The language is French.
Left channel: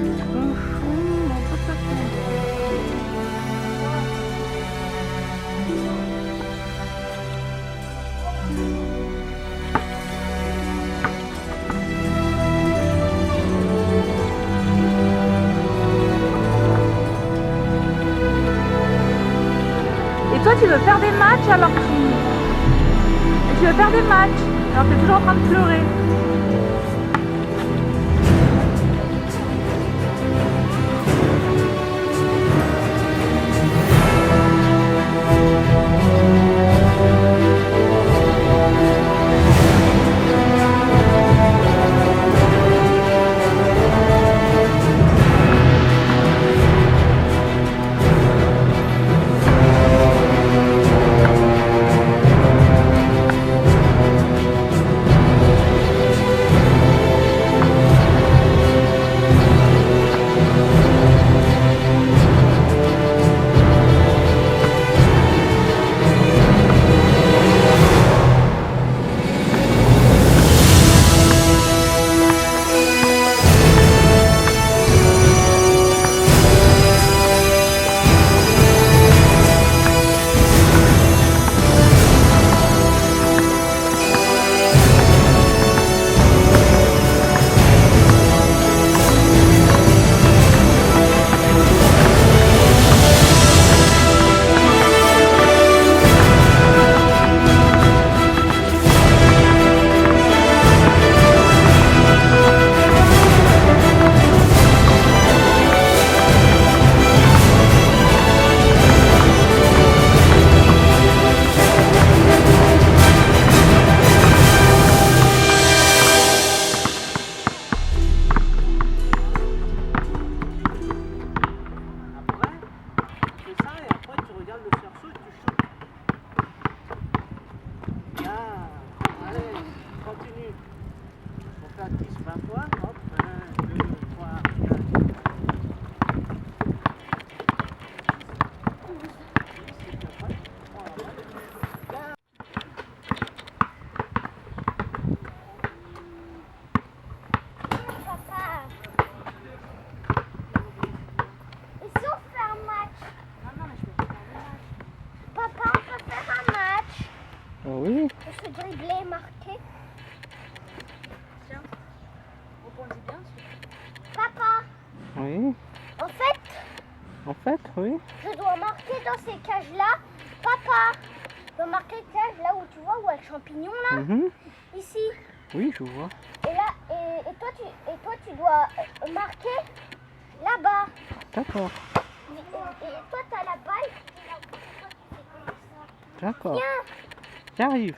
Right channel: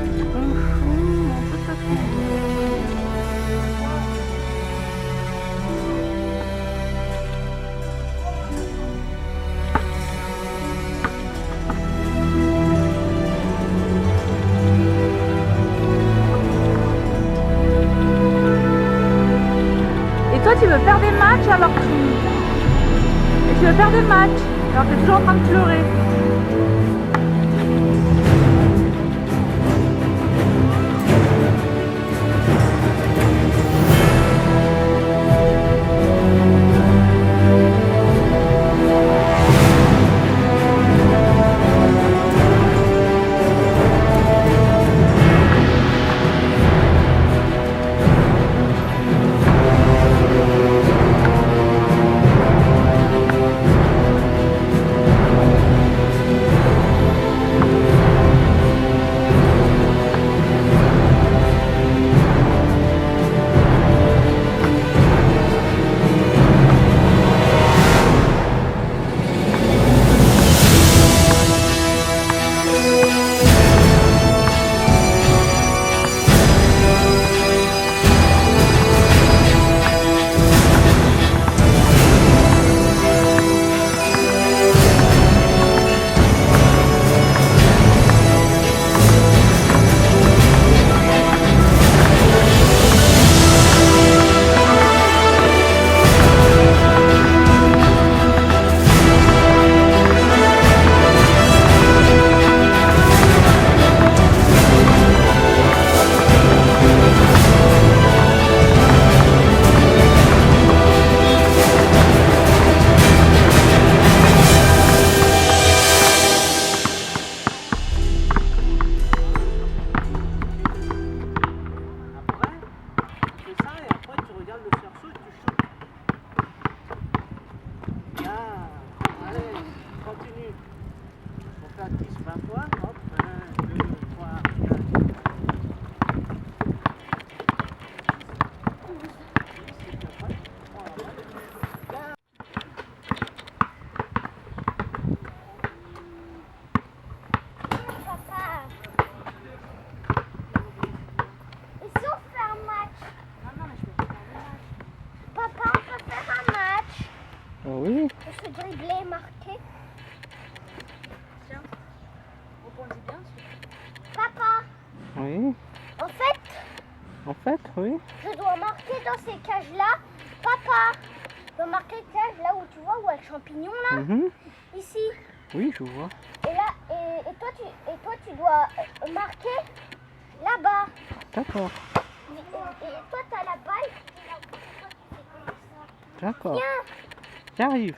Tronchon, on peut se trouver. Et toi, tu veux faire des matchs alors tu veux faire des matchs alors tu es toujours en train de pleurer. Continue. On fait 10-20 fois. Hop, 1, 2, 3, 4. Papa, et si on fait un match? Non, mais je peux pas faire des matchs. Papa, on peut faire un match. Oh oui. On se dribbler, marquer. Tiens, rebondis bien. Papa, Oui. en fait, Oui. je dois marquer dans ces cages-là. Papa, je dois marquer les cages là où tu vois, où il y a le champignon là. Ici. Oui, je vois. Et là, et toi, tu dois marquer là-bas. D'accord. Et toi, tu as la balle. D'accord. Viens. J'arrive.